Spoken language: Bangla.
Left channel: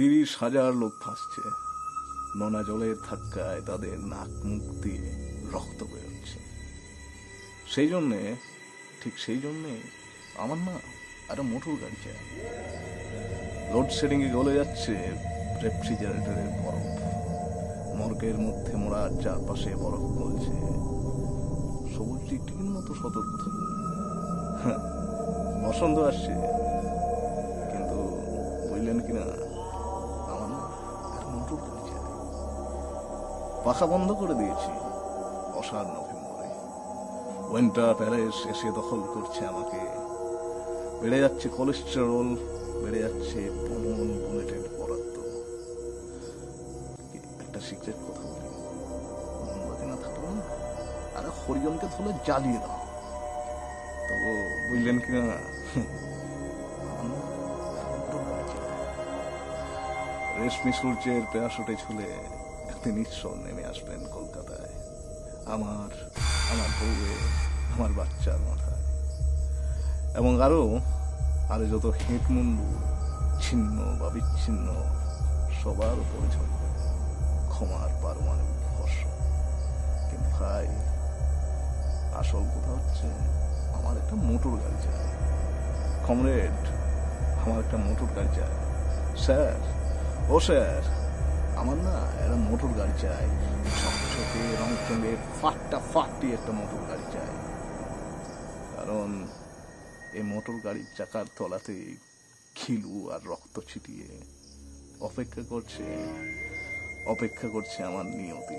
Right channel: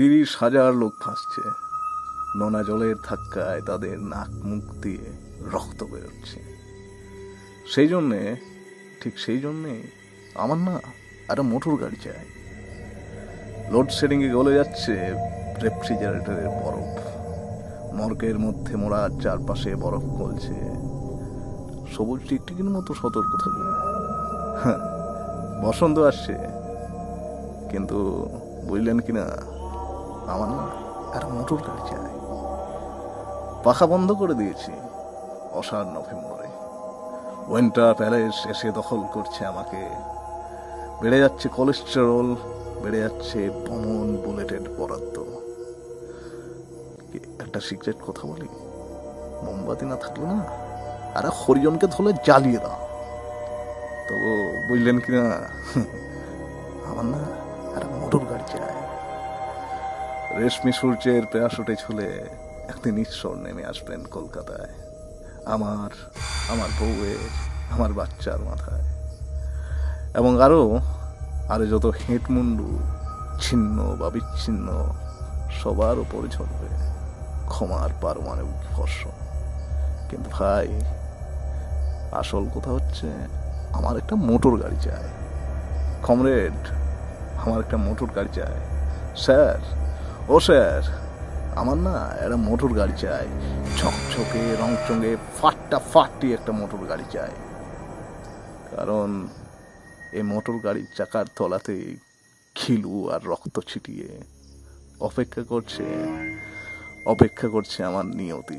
30,000 লোক ফাঁসছে, নোনা জলের ধাক্কায় তাদের নাক মুখ দিয়ে রক্ত বেরোচ্ছে। ঠিক সেই জন্যে আমার না একটা মোটর গাড়ি চাই। লোডশেডিংয়ে গলে যাচ্ছে রেফ্রিজারেটরের বরফ, মর্গের মধ্যে মোড়া চারপাশে বরফ গলছে, সবুজ টিকটিকির মতো সতর্ক থাকি। বসন্ত আসছে, কিন্তু বুঝলেন কিনা, আমার না একটা মোটর গাড়ি চাই। পাখা বন্ধ করে দিয়েছি অষাঢ় নভেম্বরে। উইন্টার প্যালেস এসে দখল করছে আমাকে। বেড়ে যাচ্ছে কোলেস্টেরল, বেড়ে যাচ্ছে বমন বুলেটের বরাদ্দ। একটা সিক্রেট কথা বলি, মোমবাতি না থাকলে না আর হরিজনকে ধরে জ্বালিয়ে দাও। তো বুঝলেন কিনা, আমার না একটা মোটর গাড়ি চাই। রেশমি সূর্যের প্যারাশুটে ঝুলে একদিন ঈশ্বর নেমে আসবেন কলকাতায়, আমার বউয়ের, আমার বাচ্চার মাথায়। এবং আরো যত হেঁট মুন্ডু ছিন্ন বা বিচ্ছিন্ন সবার উপরে ঝরবে ক্ষমার পারমাণবিক বর্ষণ। কিন্তু ভাই, আসল কথা হচ্ছে আমার একটা মোটর গাড়ি চাই। কমরেড, আমার একটা মোটর গাড়ি চাই। স্যার, ও স্যার, আমার না একটা মোটর গাড়ি চাই। ঝকঝকে রংচঙে ফাটাফাটি একটা মোটর গাড়ি চাই। কারণ এই মোটর গাড়ির চাকার তলাতে খিলু আর রক্ত ছিটিয়ে অপেক্ষা করছে আমার নিয়তি।